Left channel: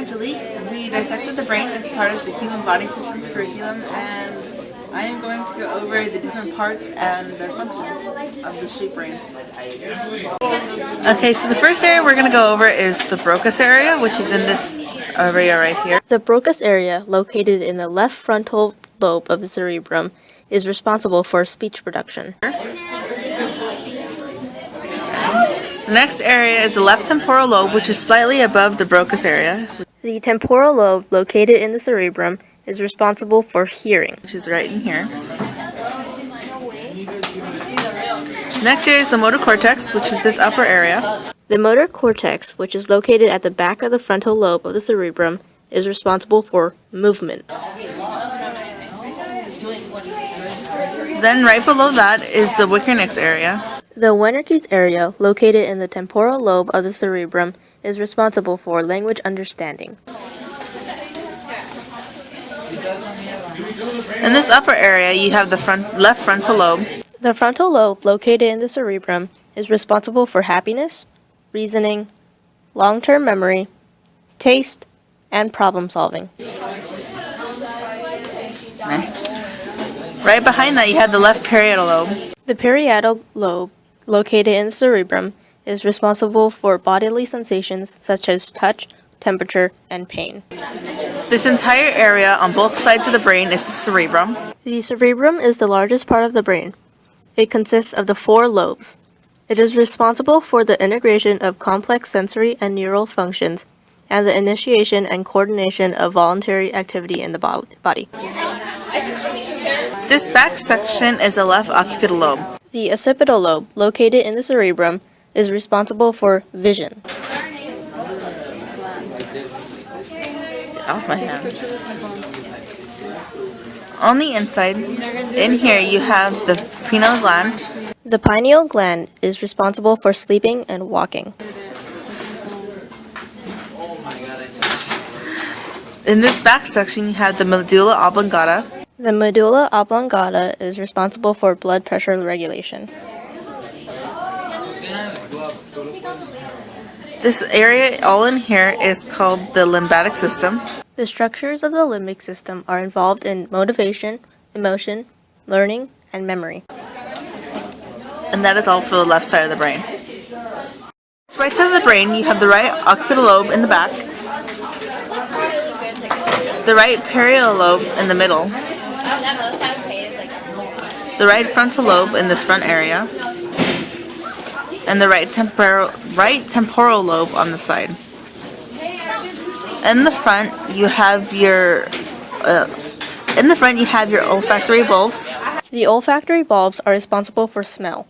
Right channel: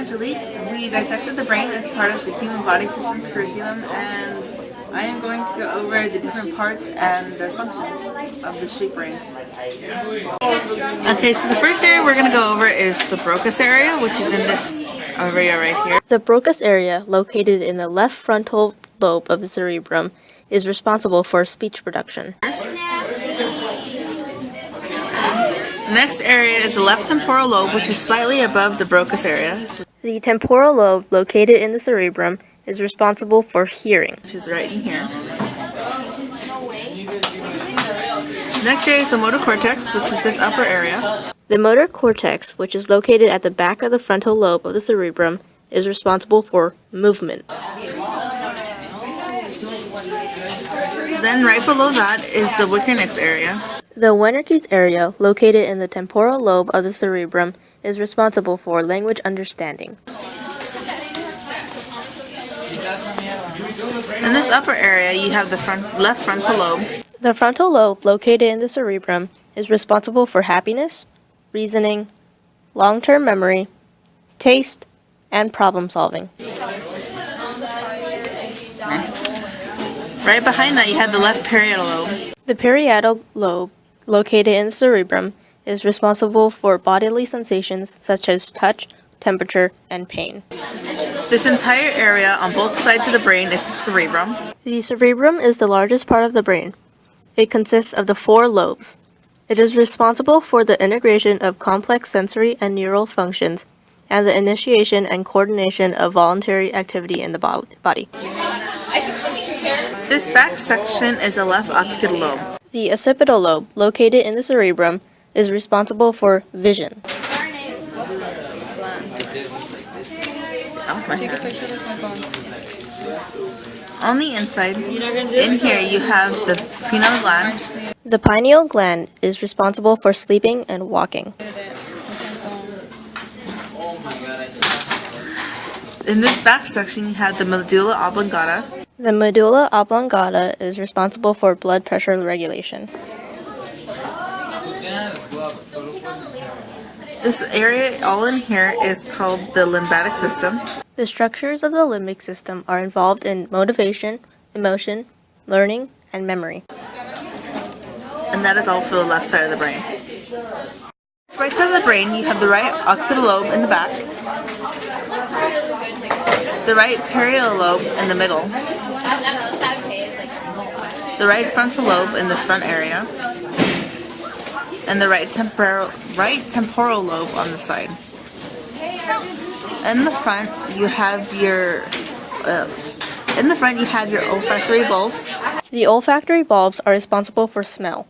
Angelique. We dissected the brain as part of the Human Body Systems curriculum, and I am going to go over the different parts and their functions of the street brain. Okay, so the first area we're going to go over is the Broca's area, which is in this area right here. The Broca's area, located in the left frontal lobe of the cerebrum, is responsible for speech production. The next area is the left temporal lobe, which is slightly above the Broca's area. The temporal lobe, located in the cerebrum, is responsible for hearing, which is right in here. Next area is the motor cortex, which is this upper area. The motor cortex, which is located at the back of the frontal lobe of the cerebrum, is responsible for movement. Then right below that is the Wernicke's area. The Wernicke's area, located in the temporal lobe of the cerebrum, is responsible for language understanding. In this upper area, you have the left frontal lobe. The frontal lobe, located in the cerebrum, is responsible for happiness, reasoning, long-term memory, taste, and problem solving. Right behind that, you have the left parietal lobe. The parietal lobe, located in the cerebrum, is responsible for bodily sensations such as touch, temperature, and pain. This entire area on both sides of the brain is the cerebrum. The cerebrum is the largest part of the brain. It consists of the 4 lobes. It is responsible for the integration of complex sensory and neural functions and the initiation and coordination of voluntary activity in the body. This back section is the left occipital lobe. The occipital lobe, located in the cerebrum, is responsible for vision. On the inside, in here you have the pineal gland. The pineal gland is responsible for sleeping and walking. In this back section, you have the medulla oblongata. The medulla oblongata is responsible for blood pressure regulation. This area all in here is called the lymphatic system. The structures of the limbic system are involved in motivation, emotion, learning, and memory. And that is all for the left side of the brain. This right side of the brain, you have the right occipital lobe in the back, the right parietal lobe in the middle, the right frontal lobe in this front area, and the right temporal lobe on the side. In the front, you have your olfactory bulbs. The olfactory bulbs are responsible for smell.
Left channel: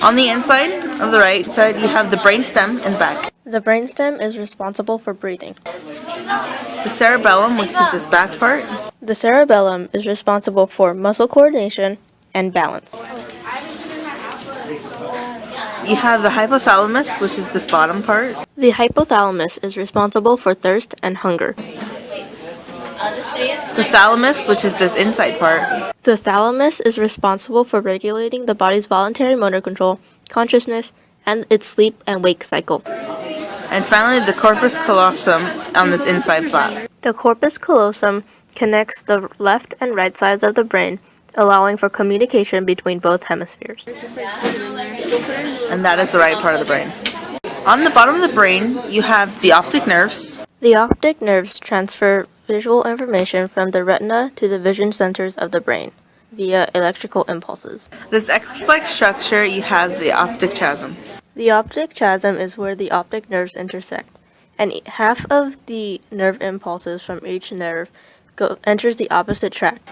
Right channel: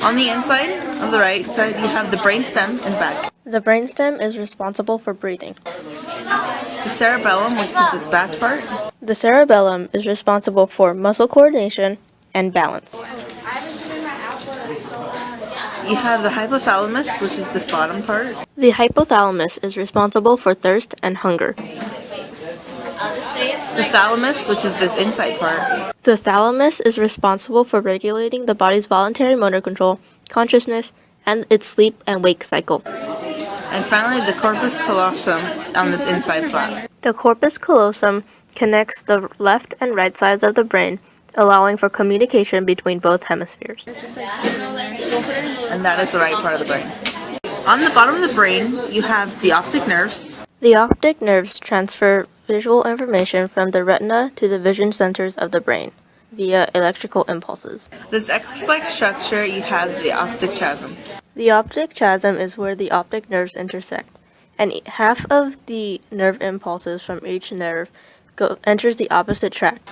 On the inside of the right side, you have the brainstem in the back. The brainstem is responsible for breathing. The cerebellum, which is this back part. The cerebellum is responsible for muscle coordination and balance. You have the hypothalamus, which is this bottom part. The hypothalamus is responsible for thirst and hunger. The thalamus, which is this inside part. The thalamus is responsible for regulating the body's voluntary motor control, consciousness, and its sleep and wake cycle. And finally, the corpus callosum on this inside flap. The corpus callosum connects the left and right sides of the brain, allowing for communication between both hemispheres. And that is the right part of the brain. On the bottom of the brain, you have the optic nerves. The optic nerves transfer visual information from the retina to the vision centers of the brain via electrical impulses. This X-like structure, you have the optic chiasm. The optic chiasm is where the optic nerves intersect, and half of the nerve impulses from each nerve enters the opposite tract.